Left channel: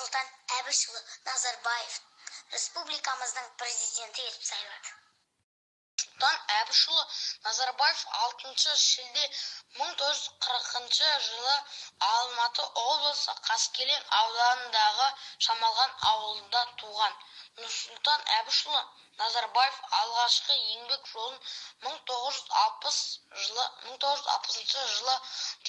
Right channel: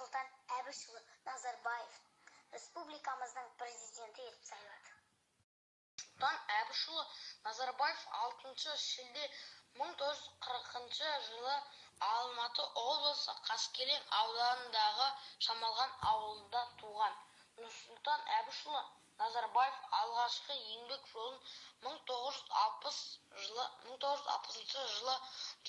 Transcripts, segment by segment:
Нұрсұлтан Әбішұлы Назарбаев республикамыздың президенті етіп сайлады. Нұрсұлтан Әбішұлы Назарбаев 6 шілде 1940 жылы Алматы облысы Қаскелең ауданындағы Шамалған ауылында туған. Нұрсұлтан Әбішұлы Назарбаев алғашқы еңбек жолын 1960 жылы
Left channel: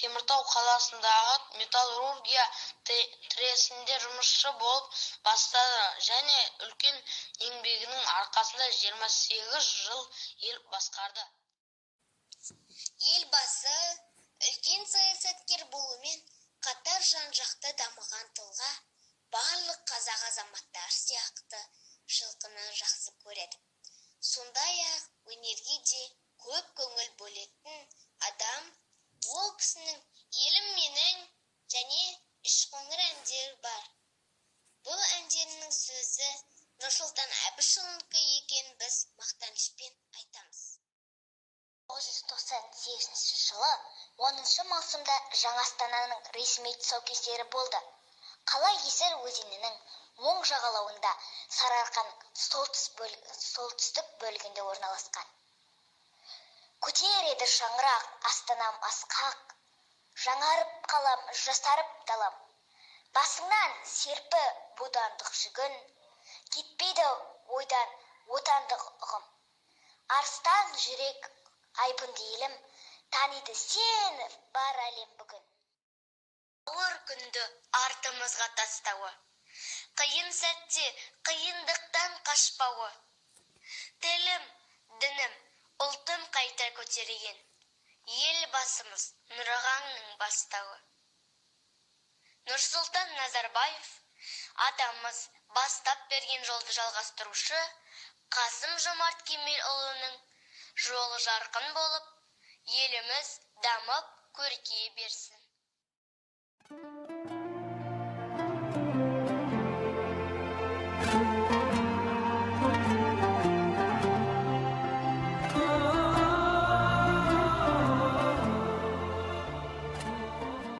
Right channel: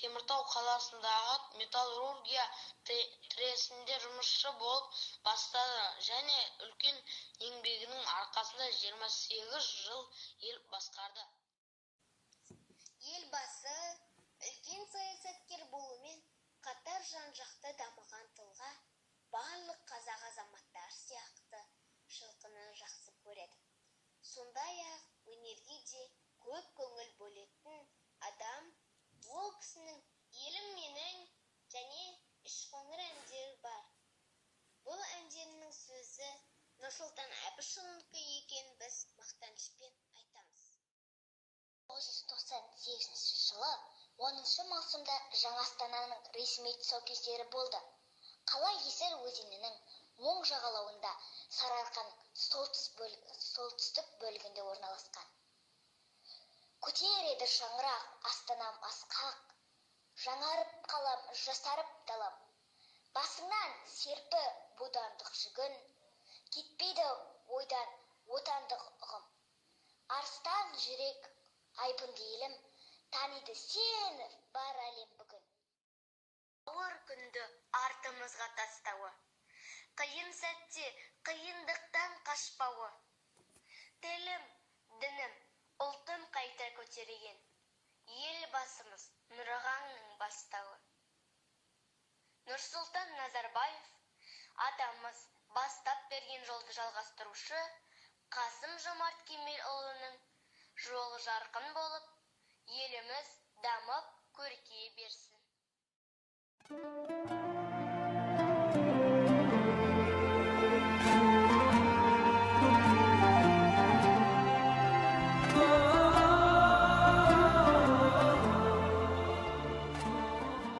Теміртау қаласындағы металлургия тресінде жұмысшы болып бастады және үлкен еңбегінің арқасында 28 жыл ел басқарды. Елбасы үлкен саясаткер болумен қатар жан-жақты дамыған тұлға, барлық қазақ азаматтары сияқты жылқыны жақсы көреді. Сондай-ақ өнерге де көп көңіл бөлетін адам. Ол кісінің "Елім менің" және "Үшқоңыр" әндері бар. Бұл әндерінің сөзі Нұрсұлтан Әбішұлынікі екенін біз мақтанышпен айтамыз. 1998 жылы 10 маусымда Жаңа Астананың ресми тұсаукесері болды. Қала Есіл өзенінің оң жағалауында Сарыарқаның солтүстік бөлігінде орналасқан. Көтереді шаңырақ, Астанам асқақ, жаңарып қалам, жасарып далам. Басыңнан серпі бодандық жүгін, кетпейді ойдан отандық ұғым. Арыстан жүрек айбынды елім, таниды сені бар әлем бүгін. Ауыр күнді артымызға тастауы, қиын сәтте қиындықтан қашпауы. Тілім, дінім, ұлтым қайта көтерген, елбасымыз Нұрағаңның бастауы. Нұрсұлтан Назарбаев атамыз бастап берген жолды жалғастырушы, Қасым-Жомарт Кемелұлының жолы жарқын болып, еліміз дамып көркейе берсін.